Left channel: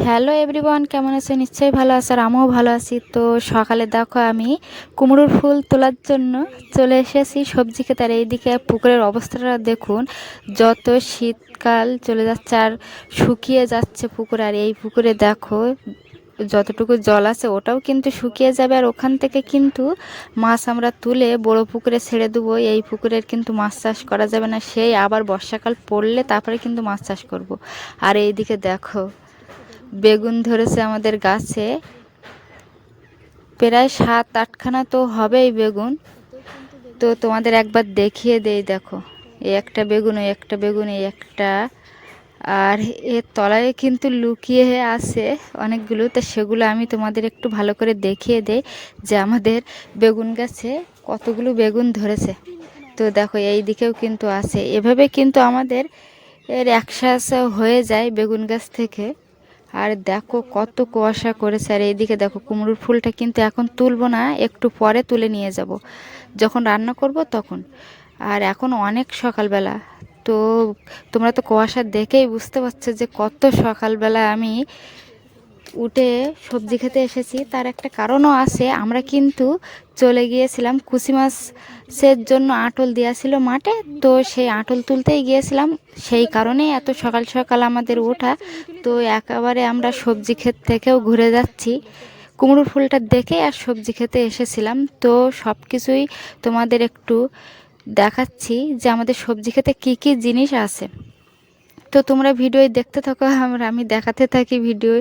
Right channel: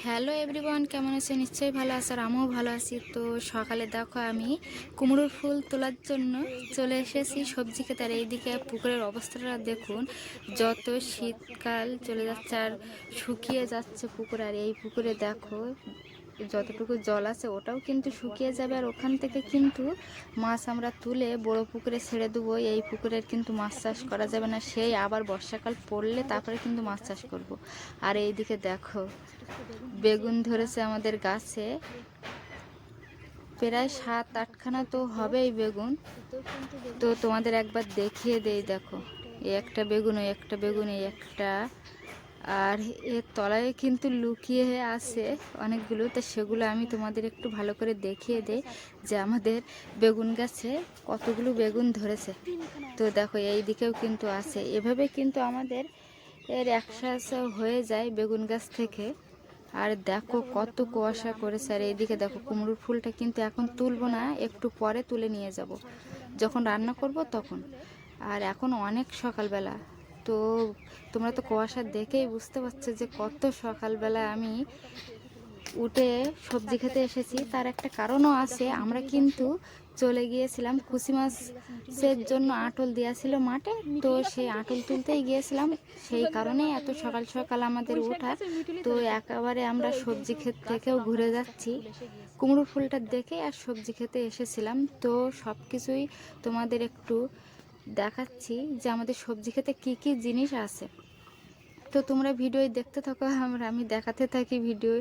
Hello everyone, কেমন আছে? নিশ্চয়ই ভালো আছে, আর আমিও ভালো আছি। তো সকালে দেখো আমি কুমড়োর ফুল তোলার জন্য চলে এসেছি সবজি খেতে। আর এইদিকে পুকুরের অবস্থাটা দেখুন, যত শীতকাল চলে যাচ্ছে আর শুকিয়ে যাচ্ছে পুকুর। আর এই পুকুরে দেখো যতটুকু জল আছে ওটাও কিন্তু শুকিয়ে যাবে। আর ওখান থেকে কিন্তু মাছ আমরা তুলে বড় পুকুরে ছেড়ে দেবো। এই পুকুরের কিন্তু মাছ চাষ করা যাবে না, সেই আবার বর্ষাকাল পড়লে তারপরে কিন্তু মাছ চাষ করব। আর এইদিকে দেখো বেগুন ধরেছে আমাদের গাছে, প্রায় 7-8খানা তো হবেই বেগুন। তো তোমাদের একবার দেখিয়ে দেই, দেখো এই একটা বেগুন, ওই একটা বেগুন, এই একটা, আর এর তলায় কিন্তু লুকিয়ে আছে অনেকগুলো। তো সেগুলো আমি তোমাদের একটু ভালো করে দেখিয়ে দেই যে আমাদের বেগুন গাছে কতগুলো বেগুন ধরেছে। তো দেখো এই দিকেও কিন্তু আছে, এভাবে কিন্তু আমাদের এর একসাথে হয়ে যায় বেগুন গাছ থেকে। আর দেখো কত কুয়াশা করেছে। আর এইদিকে দেখো কুমড়োর ফুলটা কিন্তু এখন তুলবো না, একটু পরে তুলে নিয়ে যাব যখন রান্না করব তখন। আর এখন অনেক সকালবেলা, তো তোমরা তো কুয়াশা দেখেই বুঝতে পারছো যে কত সকালবেলা আমি উঠে সবজি খেতে এসেছি। তার একটা কারণও আছে, আমরা কিন্তু চলে গিয়েছিলাম কুচি মাছের জন্য আটল দেওয়া ছিল মাঠে, তো সেই আটল তুলতেই গিয়েছিলাম, সেই কারণেই এত সকাল সকাল আমাদের ওঠা। তো একেবারে আমরা সবজি ক্ষেত থেকেও ঘুরে যাচ্ছি কুমড়ো ফুলটা দেখে, আর সবজি খেতে এসেছিলাম। তো সব কিছুই তোমাদের একটু দেখাচ্ছি যে আমাদের সবজি খেতে কী কী জিনিস আছে। তো তোমরা ভিডিও দেখতে থাকো, আমি দেখাতে থাকি ভিডিও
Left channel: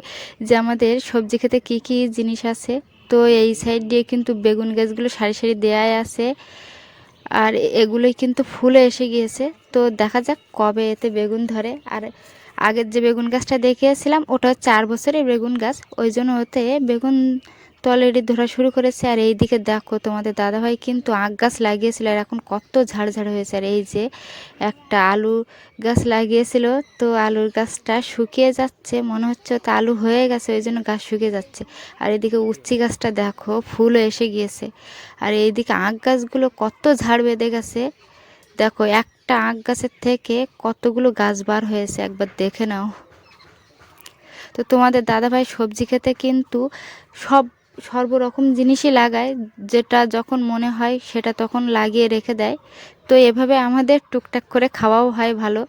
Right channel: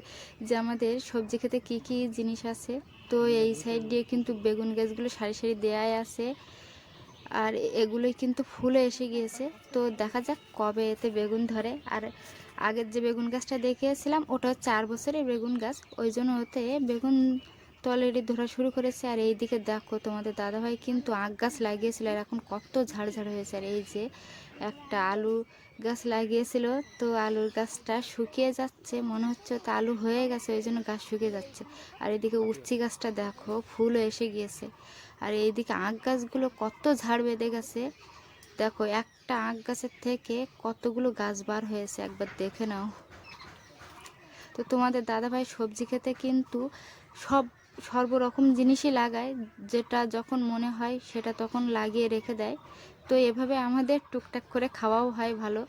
যে আমাদের সবজি খেতে কি কি জিনিস আছে। তো এই সাইড দিয়ে কিন্তু বেগুন গাছগুলো সারি সারি দেয়াই আছে, আর এগুলোই কিন্তু ফুলে এসে গিয়েছে। তো দেখা যাক কবে এতে বেগুন ধরে। আর আগের যে বেগুন গাছটা দেখিয়েছিলাম ওটা 4 বছরের বেগুন গাছ, ওই জন্য ওতে বেগুন তো অলরেডি ধরা শুরু করেছে। আর এই দিকে দেখো তোমাদের দাদাভাই কিন্তু আখ গাছ লাগিয়েছিল, আর এখন কত ঝাড় ঝাড় হয়েছে। আর এই যে একটা আলু গাছ লাগিয়েছিল, তো আলুর গাছটা শুকিয়ে যাচ্ছে, মনে হচ্ছে তো আলু হয়ে গেছে, ওই জন্য গাছ শুকিয়ে যাচ্ছে। আর এদিকে উচ্চি গাছটা দেখো ফুলও এসে গিয়েছে। আর এইদিকে আখ গাছগুলো কত ঝাড় বেঁধে গেছে, দেখো একটা আখ গাছের থেকে কতগুলো গাছ বার হয়েছে, একবার দেখে নাও। তো তোমাদের দাদাভাই সবজি খেতে কিন্তু সর্বরকম জিনিসই লাগায়, যেটা যখন মনে হয় সেটা তখন লাগিয়ে রেখে দেয়। তো এভাবে আমাদের টুকটাক করে খাওয়াও হয় ভালো।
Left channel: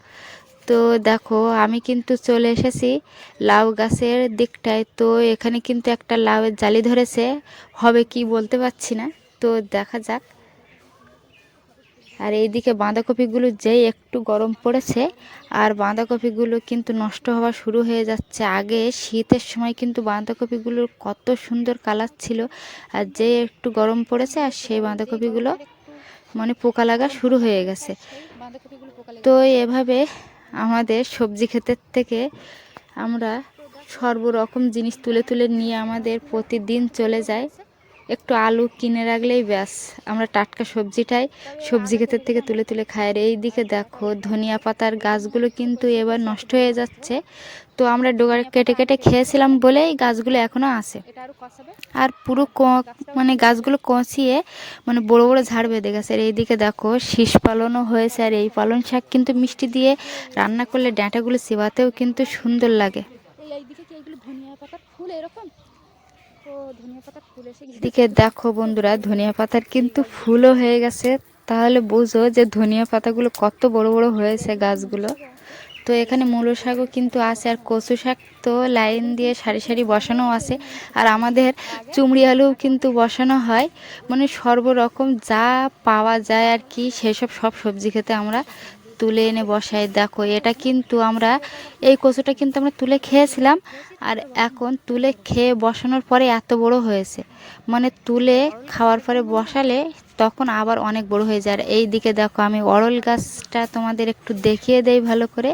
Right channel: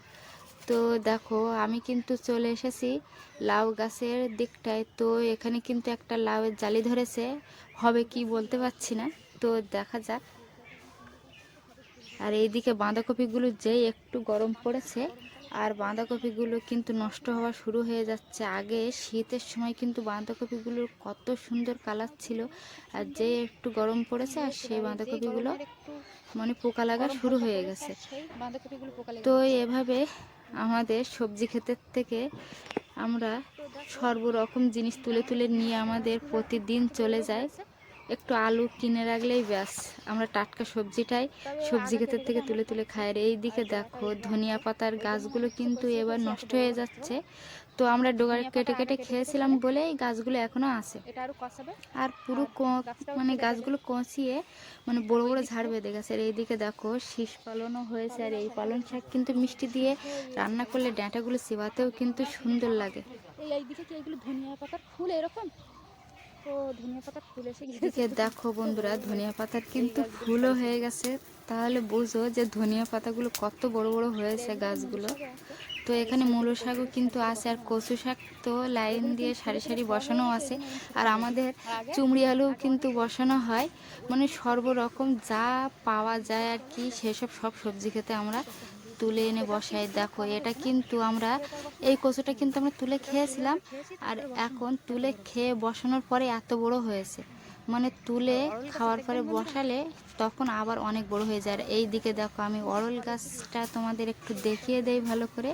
তো দেখো আমি কিন্তু চলে এসেছি লাউ গাছের দিকটায়। তো এখানে কিন্তু একটা লাউয়ের জালি ধরেছে, হবে কি বলতে পারছি না, তো দেখা যাক। আর এইদিকে বাঁধাকপিগুলো যেই একটু গরম পড়েছে, আর বাঁধাকপিগুলো কিন্তু নষ্ট হওয়া শুরু হয়ে যাচ্ছে। আগে শীতের সময় কিন্তু বাঁধাকপিগুলোর কত সুন্দর কালার ছিল, আর যেই একটু গরম পড়েছে আর সেই বাঁধাকপিগুলো মানে পোকা লাগা শুরু হয়ে গেছে। তো এভাবে আমাদের সবজি ক্ষেতের থেকে আমরা সর্বরকম জিনিস তুলে তুলে নিয়ে আমাদের প্রতিদিন চলে যায়। একটু আলু কিনে রাখলেই ব্যাস, আমরা টাটকা সবজিটাই সবজি ক্ষেতের থেকে তুলে তুলে খাই। আর এই দিকে দেখো ধনিয়া পাতার গাছগুলো কিন্তু এবার নষ্ট হয়ে যাচ্ছে। তো আমরা ডগা কেটে কেটে খেয়েছিলাম বলেই গাছগুলো এখনও আছে। আর পুরো মানে গাছগুলো কচিয়ে মানে বড় বড় ঝাড় বেঁধে গেছে। আর এইদিকে দেখো শীষ পালনও হয়েছে, আর এই পালন শাক কিন্তু মিষ্টি দিয়ে রান্না করলে ডাঁটাগুলো চিবাতেও কিন্তু সুন্দর লাগে। এইদিকে কি এগুলো ধনিয়া পাতার ফুল এরকম? তো ধনিয়া পাতার ফুল এসে গিয়েছে। এদিকে দেখো বন্ধুরা ধনিয়া পাতার কিন্তু ফুলও হয়ে গেছে, তাহলে বুঝো যে ধনিয়া পাতাগুলো কত বড় বড় হয়েছে গাছগুলো। তো এখানে মূলো শাকও কিন্তু আছে, আর কচু শাক তো লাইন দিয়ে সারি সারি বসানো আছে। আর আমাদের চুমড়ি আলুও কিন্তু বসানো হয়, মানে সর্বরকম যা পাওয়া যায় আর কি সেসব সব সবজি খেতে আমরা তুলে এনে বসাই। দেখো এটা কিন্তু আমরা এই কচুটা কিন্তু আমরা তুলে খেয়েছিলাম, আর এখন তুলে খেয়ে বসানোর পরে এত বড় হয়েছে, মানে তুলে খাওয়ার পরে বসালে তখন আবার অনেক বড় হয়ে যায়। আর এই দিকে দেখো আমি অরল গাছটা তোমাদের একটু দেখিয়ে দেই ভালো করে,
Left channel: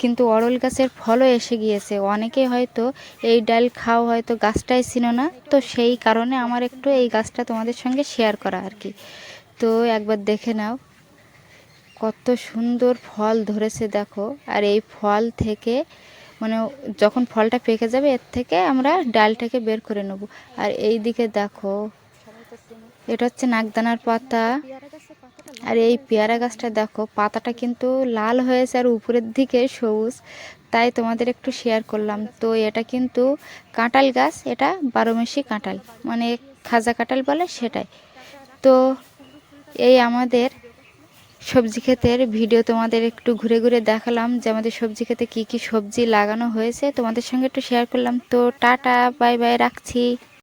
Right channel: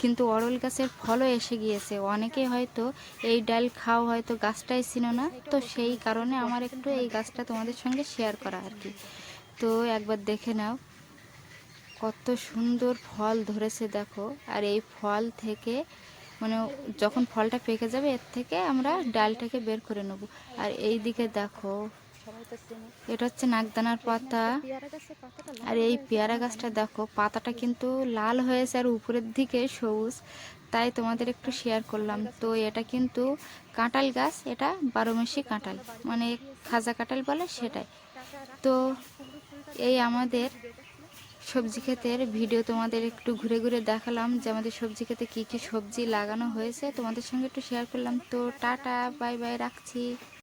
কিন্তু অরল গাছের ফলও এসে গিয়েছে। অনেকেই হয়তো এই ডাল খাও হয়তো গাছটাই ছিল না, তো সেই কারণে আমার একটু এই গাছটা তোমাদের সঙ্গে শেয়ার করা আর কি। তো একবার দেখে নাও কত সুন্দর ফল ধরেছে দেখো। আর এই ফল থেকে মানে যখন ফলটা পেকে যাবে এর থেকে আমরা ডালটাকে বের করে নেব। আর এই দিকে দেখো এটা হচ্ছে নাগদানার পাতা। আর এই পেয়ারা গাছটা দেখো পাতাটা কিন্তু লাল হয়েছে আর উপরের দিকে সবুজ, তাই তোমাদের একটু শেয়ার করলাম। তো এটা কিন্তু কাঁঠাল গাছ, এটা 12 মাসি কাঁঠাল, মানে খাজা কাঁঠাল বলে সেটাই। তো এই আমাদের সবজি ক্ষেতের ভিডিও তোমাদের একটু ঘুরে ঘুরে দেখালাম, যে আমাদের সবজি ক্ষেতে কী কী সবজি লাগানো হয়েছে তোমাদের সঙ্গে একটু শেয়ার করলাম। তো টাটা, বাই বাই, রাখছি।